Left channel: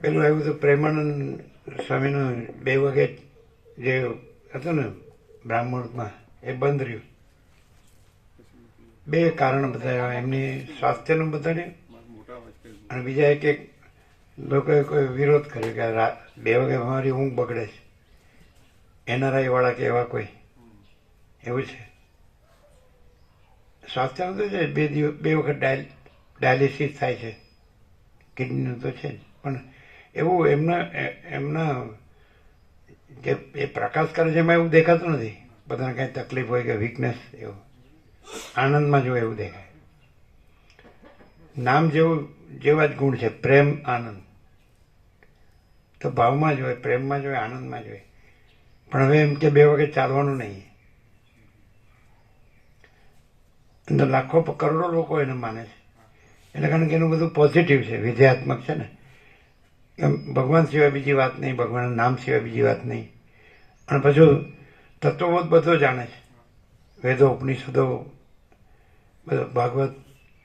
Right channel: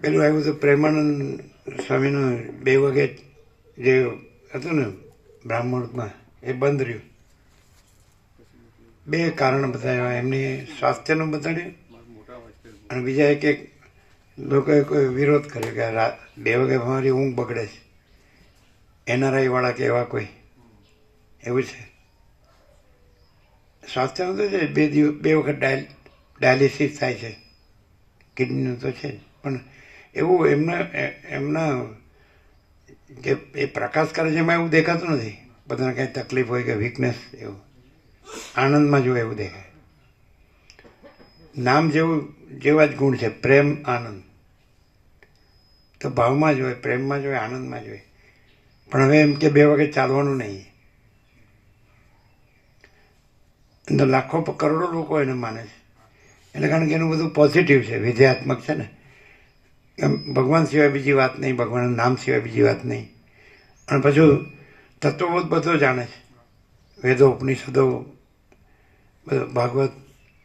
પેલું આવ્યું હતું પ્રેમાનંદ સ્વામીનું 2 વાગે જે હતું ને બ્રાહ્મણમાં એ બંધ રહ્યું. 2 કારણ બતાવ્યા, એમની સ્વાસ્થ્યનું બતાડ્યું અને બીજા એક લોકોએ કોઈ વિરોધ કર્યો કે 2 વાગે મારી ઊંઘ બગડે છે, NRI વાળા કે એવા કોઈ એવું છે. સ્વાસ્થ્યનું તો છે, 2 વખત ડાયાલિસિસ થાય છે, કિડનીનું તો છે જ, પણ એવું એમના જે એ પ્રકાશ કરે છે એમાં એવું દેખાતું નથી. બધાને કાંઈ તકલીફ હોય કે વીકનેસ, એવું આનંદમાં જો એવું દેખાય. નામ જેવા જ ગુણ છે, પ્રેમ આનંદ. તો ભાવમાં જ હોય, પ્રેમમાં જ હોય, આનંદમાં જ હોય. પણ હવે એમ કે 2 વાગે ચાલવાનું નહીં. અંદર લાખો કરોડો લોકો એને માને છે, એટલે કારણ કે એનું બધું પોઝિટિવ છે, વિધેયાત્મક છે ને. ભગવાન સિવાય બીજી વાત નહીં, ભગવાનના નામ સિવાય બીજી વાત નહીં. અને પછી તત્વબોધ બધો જાણે છે, વેદો, ઉપનિષદો, બધું, ભાગવત,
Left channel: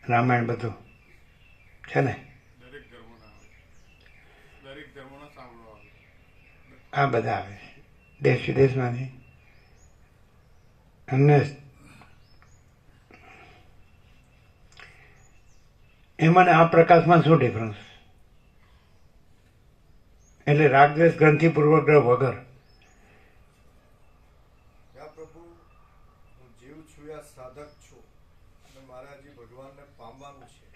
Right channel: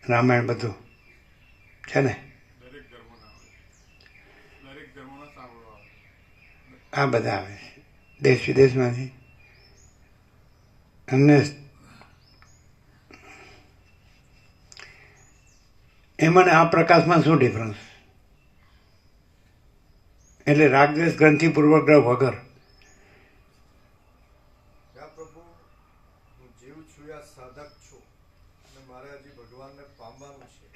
રામાયણ બધું છે ને. આ બધા આવે છે દેશ વિદેશમાંથી. અને એમાં આ પ્રકાશમાં શું ડિફરન્સ? એટલે રાગદ્વેષ ગ્રંથિ પૂર્વગ્રહ વગર.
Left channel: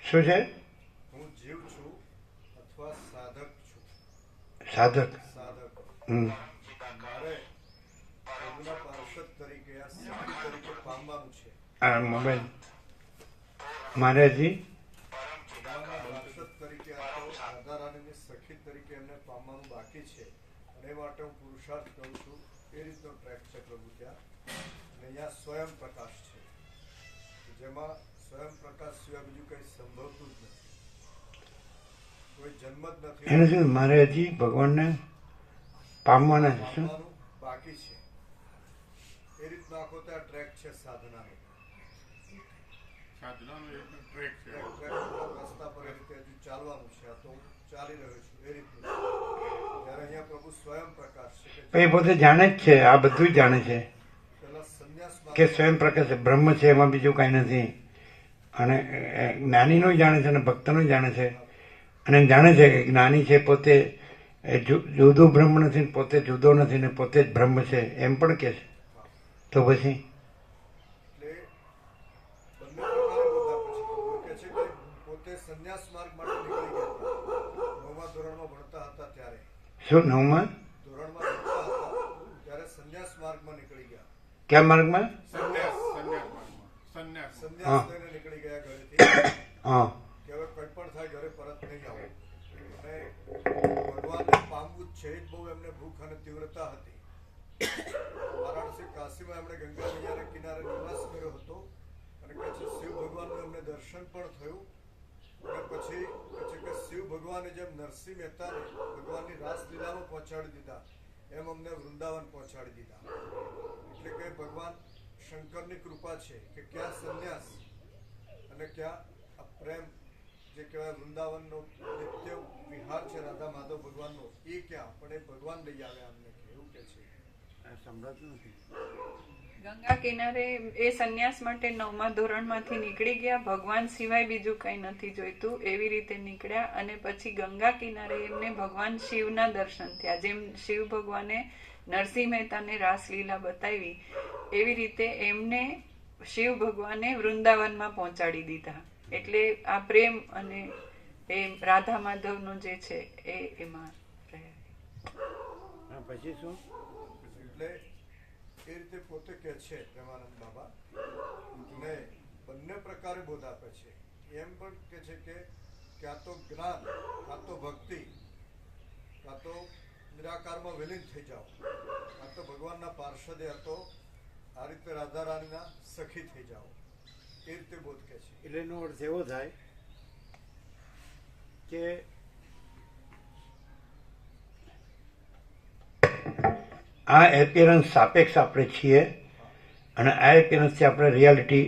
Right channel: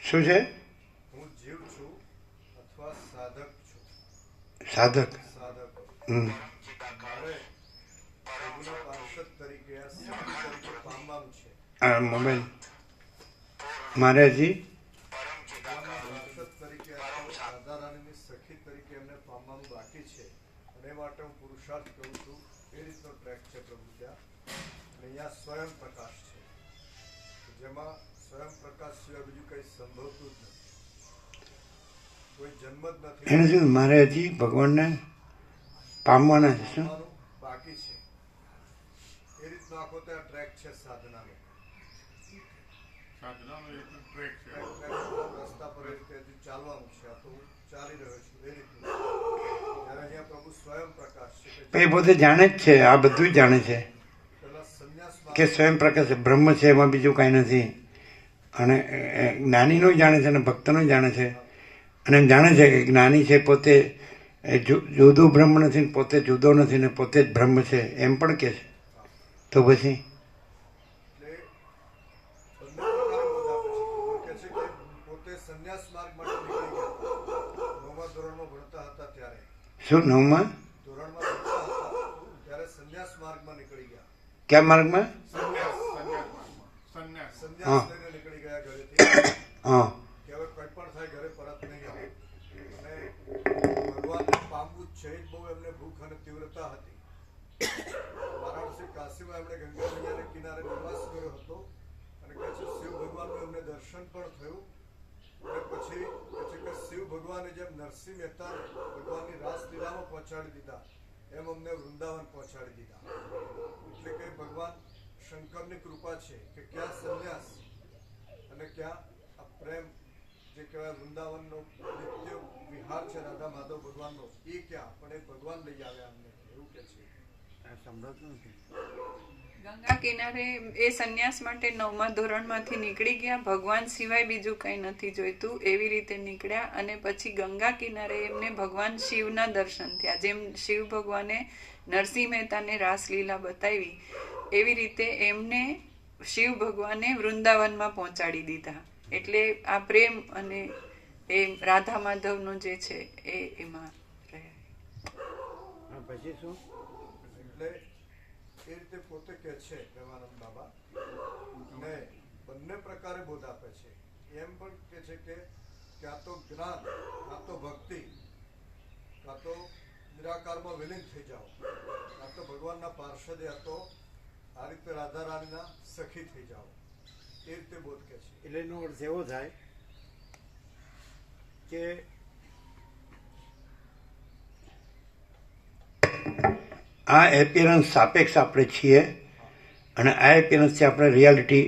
શું છે? સાધક. મોબાઈલ મારે હજી સ્વયં પ્રકાશ છે, જેમાં સ્વયં પ્રકાશ સિવાય બીજું કઈ સંભવતું જ નથી, કોઈ જન્મ જ નથી. એને શું મારે હજી ભગવાનને પામવાના છે, શું બાકી છે. એ રીતનો આખો ત્યાં ટ્રેક છે સાધનાનો. રસ્તા પર એ રીતે હજુ ચાલવાનું છે. આ તો ચાલી રહ્યો છું એ રીતનું. ત્યારે અહીંયા પ્રભુ સ્વયં પ્રકાશ છે, એ પોતે જાણે જ છે, આ બધું જ જાણે છે કે સ્વયં પ્રકાશ બ્રહ્મ છે, એમાં બીજું કાંઈ નથી. અને જ્ઞાનીનું જાણે છે અને ભક્તનું જાણે છે. અને એમ જાણે છે કે જ્ઞાની છે પોતે જુદું બ્રહ્મ નથી, પોતે જુદો નથી ને પોતે જ બ્રહ્મ છે, એમ પણ કે છે. તો પછી શું 9મા ક્યાં માર્ગમાં? હા નીકળી ગયા ઘરેથી. હા, કે હવે કોઈ પણ થાય ઘરે પરત નહીં આવે. અને ભગવાનને પામવું જ છે, એ જ બહુ એમને ભૂખ અને તીવ્રતા હતી. વારાણસી કાશીમાં એમણે ગંગા નદીના કિનારે નિવાસ કર્યો હતો. અને કહે છે શિવ ભગવાનનું એમને દર્શન પણ થયું. અને પછી કહે છે કે શિવ ભગવાને જેમ નરસિંહ મહેતાને ભગવાનની રાસલીલામાં પહોંચાડી દીધા, એમ અમને વૃંદાવન પહોંચાડી દીધા. એટલે કે ભગવાન શંકરની કૃપા છે કે ક્યાં સંન્યાસ અને ક્યાં આ પ્રેમ જે કહેવાય વૃંદાવનનો નિત્ય વિહાર છે રાધા માધવ ભગવાનનો, એ ક્યાં? પણ એ ભગવાન લઈ આવ્યા અમને, એવું કે છે. સંભળાતું નથી. ગંગા કિનારે એ સંન્યાસ માટે 9મા ધોરણમાંથી નીકળી ગયા. ભગવાન સિવાય બીજું કંઈ નથી જોઈતું, એવી રીતે નીકળ્યા. અને પછી ગંગા કિનારે એમને ભગવાન શિવના દર્શન થયા. જેમ શિવ ભગવાને નરસિંહ મહેતાને રાસલીલા બતાવી, એવી રીતે એમને શિવ ભગવાને વૃંદાવનમાં પહોંચાડી દીધા. એટલે આ પ્રેમ અને એ રાધા માધવનો જે છે એ એમાં રહ્યા. પછી શું? એટલે એ રીતે પોતે કહે છે પ્રેમાનંદ બાબા, ને બંને પ્રકારે બોધ આપે છે. એમ પણ કહે છે કે ક્યાં તો જ્ઞાન, કાં તો ભક્તિ, કાં તો નિરાકારમાં વિલીન થઈ જાઓ, કાં તો ભગવાનના પાર્ષદે હતો આ રીતે રાધા રાણીના સખી થઈ જાઓ. એ રીતે બોધ કહે છે. એટલે એનો અર્થ એવો થાય કે આ એપિયરન્સ સાપેક્ષ આપણે છીએ અને આ એપિયરન્સથી આપણે રિયાલિટી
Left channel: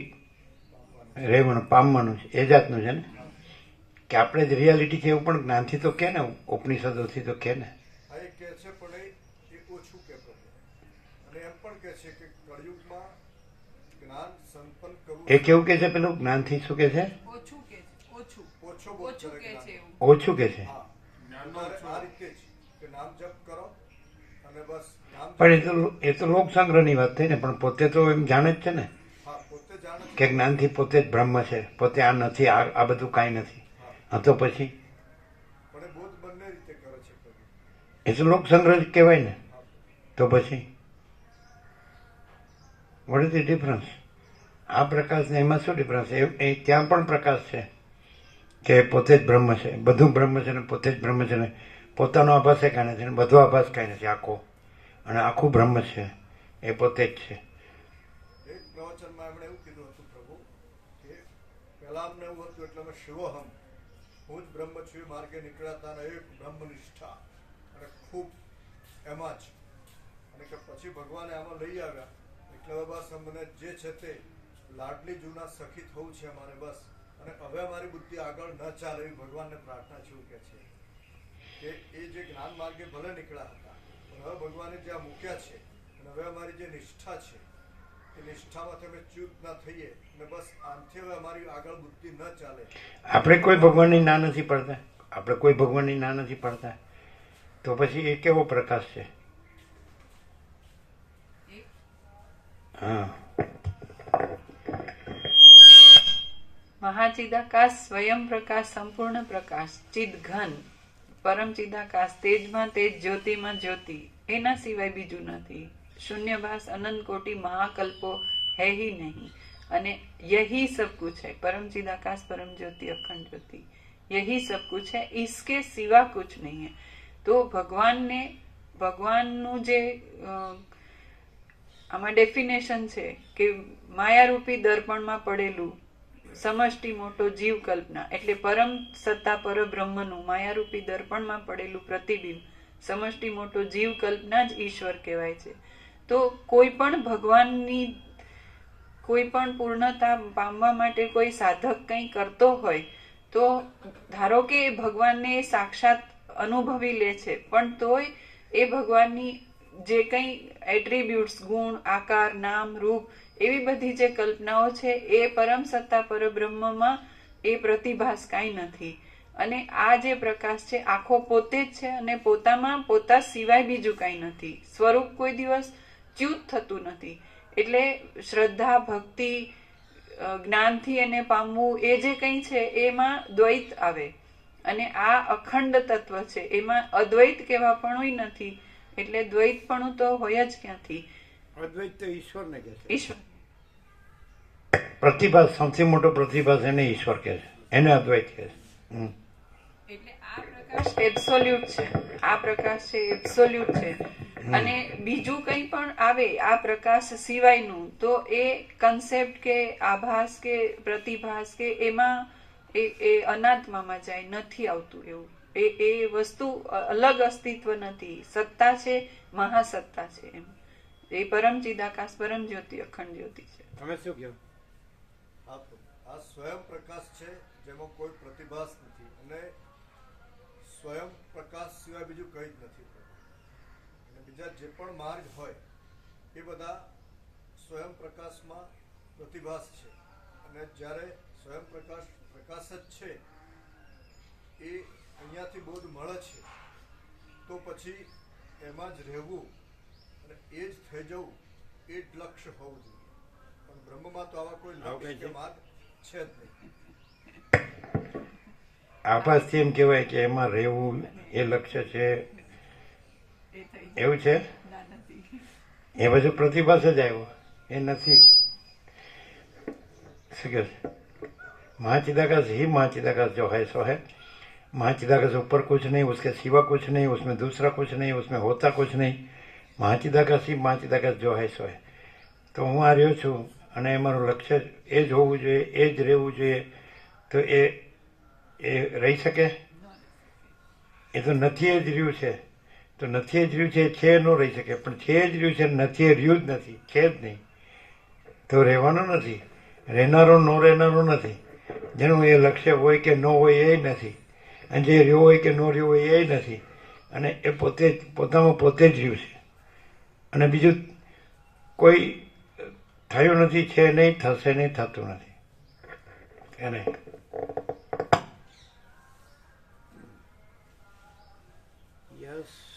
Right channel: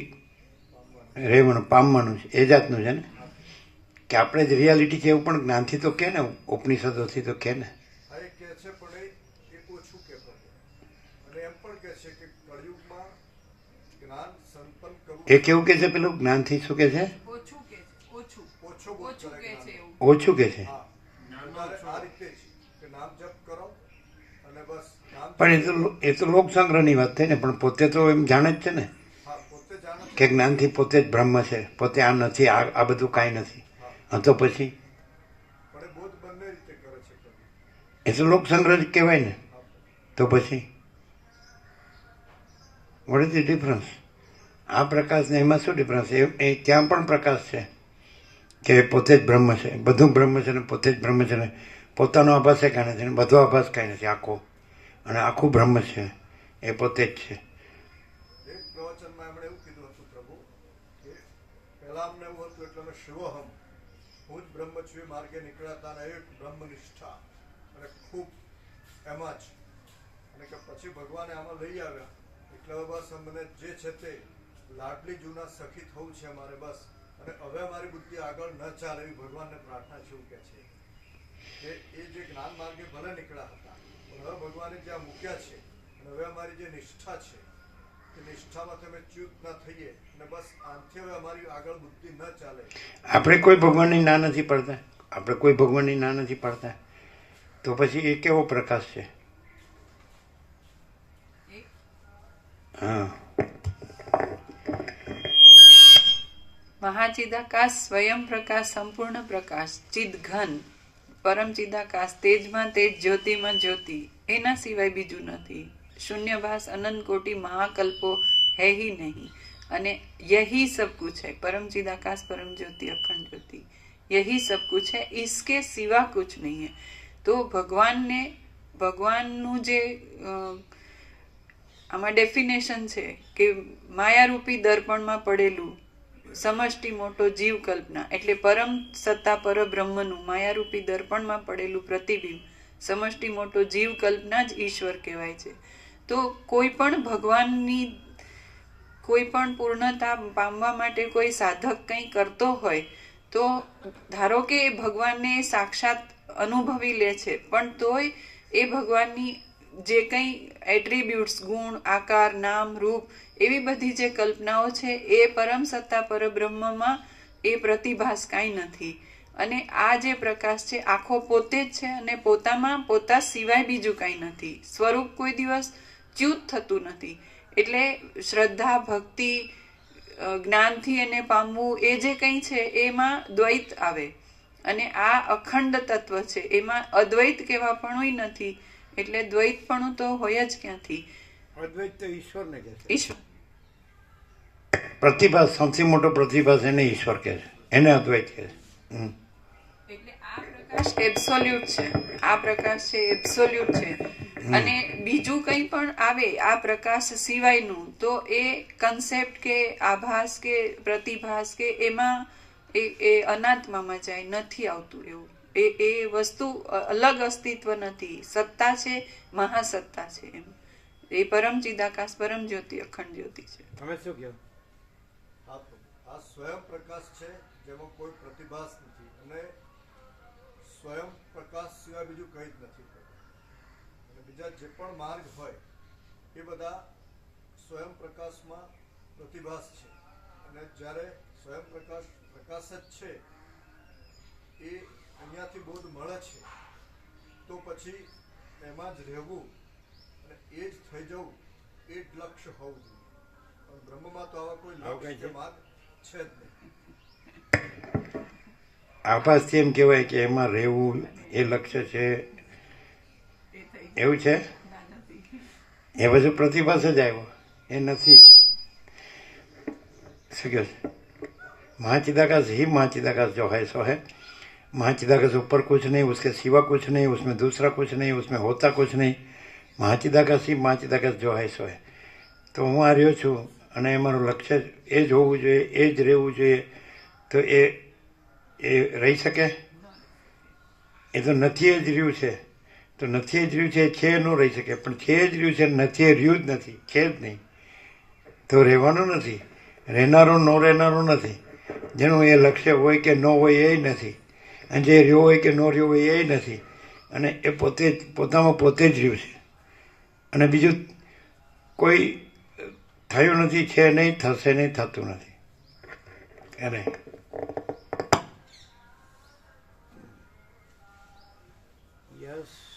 રહેવાનું પામવાનું છે, એ જાતનું છે ને. કે આપણે જ રિયાલિટી છે એવું પણ જ્ઞાનથી તો કે ને, ઉપનિષદોથી તો કે ને. આ એ કહે છે પણ એ ઓછું કહેતો હતો. અને એમ પણ કહે છે કે કળિયુગમાં જ્ઞાન સંપન્ન કરવું એ કેવું કે છે પેલું જ્ઞાનથી શું કે છે? ઓછું કે ઓછું ઓછો ઓછું કે છે એવું. ઓછું કે છે. હા તમારે આ રીતે જ કે નામ જપ કરો અને બસ નામ પણ એ તો લોક સંગ્રહની વાત થઈ ને, પણ પોતે તો એમ જાણે જ છે ને હા પોતે જાણે છે. કે જ્ઞાનથી પોતે જ બ્રહ્મ છે, પોતે આ નથી, આ બધું કાંઈ નથી. હા તો પછી પણ એ બોધ બંને રીતે કરે છે કવિ. એ તો લોક સંગ્રહ જ કહેવાય ને. તો પછી વોટ ઇઝ ધ ડિફરન્સ? આ પ્રકાશ ને એમાં શું ડિફરન્સ? એ ત્યાં પણ પ્રકાશ છે કે પોતે જ બ્રહ્મ છે, બધું બ્રહ્મ છે ને પોતે જ બ્રહ્મ છે ને પોતાનો આભાસ એ કાંઈ નથી ને બધો આભાસ કાંઈ નથી, આખો અને આખું બ્રહ્મ છે, એ પોતે જ છે. એક પ્રવચનમાં એમણે એવું કીધું હતું પ્રભુ કે પહેલા અમને એવું હતું એટલે અમે શિવોહમ, હું જ બ્રહ્મ છું એ માર્ગે નીકળ્યા હતા અને એક બ્રહ્મનિષ્ઠા અને ખૂબ એમાં જ, અને કે પછી ભગવાને આમાં લઈ આવ્યા એટલે હવે બસ અમને જે છે તે લાડલી જૂના સખી થવું છે અમારે બસ, અને હવે અમારી બુદ્ધિ આગળ ન ચાલે એવી ભગવાનને પ્રાર્થના છે એવું કે છે કે એ જે જ્ઞાન માર્ગે ભલે નીકળ્યા હતા પણ હવે ભગવાને જ્યાં મૂક્યા છે અને હવે અમારી જે નિષ્ઠા છે એ નિષ્ઠામાંથી અમે ચ્યુત ના થઈએ અને બસ આનથી હવે અમારી આગળ બુદ્ધિ ન ચાલે. આપણે કોઈ ભગવાનની ના નથી પડતા, આપણે કોઈ ભગવાનની ના નથી પડતા, તો પછી એ કેવો પ્રકાશ છે? હા, મહાચિદાકાશ, સ્વયં પ્રકાશ, સંપૂર્ણ પ્રકાશ, ચિદ ઘન, પરમ ચિદાકાશ, તેજમાં તેજ, જ્યોતિમાં જ્યોતિ, એના સિવાય બીજું નથી. શૂન્યભાસ, અનંત કોટી મહાકલ્પો હૈ ही नहीं, અને यही सब कुछ है. परम चिदाकाश, परम ज्योति, अखंड ज्योति, यही सब कुछ है, इसके सिवा कुछ नहीं है. તો ભગવાનનું જે આમાં ડેફિનેશન છે કે માયારૂપી દર્પણમાં પડેલું સમષ્ટિ મોટો જીવ કલ્પના, એટલે પરમ સત્તા પરબ્રહ્મનું માયારૂપી દર્પણમાં પડેલું પ્રતિબિંબ, સમષ્ટિ મોટો જીવ કલ્પના જ ઈશ્વર કહેવાય છે. તો કોઈ પણ ભગવાનની કોઈ પણ પૂર્ણતા પામવા માટે કોઈ સાધક કંઈ કરતો હોય તો ધારો કે એ ભગવાનને સાક્ષાત અનુભવી લે છે, પણ તોય એ ભગવાનની જે કંઈ એટ્રીબ્યુટ્સ, ગુણ, આકાર, નામ, રૂપ, એવી બધી જે કલ્પનાઓ છે એ પરમ સત્તા પરબ્રહ્મમાં એ પ્રતિભાસ કાંઈ નથી. અને આ જે પ્રકાશ છે આખો પોતે જ છે અને પોતામાં પોતા સિવાય બીજું કાંઈ નથી. સ્વરૂપ કોઈ દિવસ ચ્યુત થતું નથી. એટલે શ્રદ્ધા, ભક્તિ, જ્ઞાનથી એને પામવું એ જે કંઈ છે એમાં દ્વૈત આવે, અને આ અખંડ તત્વ છે એમાં અદ્વૈત કહેવાપણું નથી. એટલે દ્વૈતપણું તો હોય જ ક્યાંથી? અદ્વૈત તો ઈશ્વરને કહે છે. ઈશ્વર પ્રતિભાસ, સૌથી મોટો પ્રતિભાસ એને ઈશ્વર કહે છે, એને અદ્વૈત કહે છે. એટલે આ પ્રકાશ એબ્સોલ્યુટ છે, આ પ્રકાશ છે એબ્સોલ્યુટ છે. અને બીજું કંઈ પણ આવે આ પ્રકાશ સિવાયનું તો એ કન્સેપ્ટ કે આભાસ કે પ્રતિભાસ કે એમાં એ અનાત્મામાં જાય, નથી આવતું એવું. એ વસ્તુ અલગ અસ્તિત્વ નથી, સત્તા છે, મહાસત્તા છે એમ. એ પરમ ચિદાકાશ, પરમ જ્યોતિ, અખંડ જ્યોતિ છે. તમે શું કહો? આ સ્વયં પ્રકાશ છે જેમાં કોઈ પ્રતિભાસ નથી, અને સ્વયં પ્રકાશ સિવાય બીજું કંઈ જ નથી. અને બીજા જે પણ માર્ગ હોય એ બધા સ્વયં પ્રકાશમાં પ્રતિભાસ છે, અને જ્યારે સ્વયં પ્રકાશ પ્રકાશ જ છે એ અહીંયાથી બોધ મળે છે તો પછી એમાં જ રહેવું અને એ જ થઈ જવું એ જ લક્ષ્ય હોવું જોઈએ. પણ બ્રહ્મમાં તો આવા કોઈ લક્ષ્ય કે માર્ગ છે જ નહીં. આભાસથી એમ કહેવાય કે એમાં રહેવું એ લક્ષ્ય છે, એવું છે. એ બધું પ્રતિભાસ જ આવ્યો, એ નથી. શું કહે છે? महाचिदाकाश ही महाचिदाकाश जो है सो है. महाचिदाकाश ऊपर कुछ नहीं, उसके सिवा कुछ नहीं, उसमें दूसरा कुछ नहीं, उसमें होता कुछ नहीं. महाचिदाकाश ही महाचिदाकाश जो है સો है. તો હું આ રહ્યો છું અને એ મારું લક્ષ્ય એ જ હોવું જોઈએ, એ જ રહેવું જોઈએ. તો એ રહી શકે? એ તો નથી જ રહ્યું છે. તો નથી જ રહ્યું છે ન રહી શકે, પણ છે જ રહ્યું છે, નથી રહ્યું જ નથી, છે જ નહીં. તો રહેવાનું નથી, રહેનારો ન રહેનારો નથી. જેનું એ લક્ષ્ય હોય કે ન હોય એ નથી, અને જે રહ્યો હોય કે ન રહ્યો હોય એ નથી, અને એ પોતે જ પોતામાં પોતે જ રહ્યું છે. અને બીજું કોઈ થયું નથી, છે નહીં, થશે નહીં, થતું નથી એને. યસ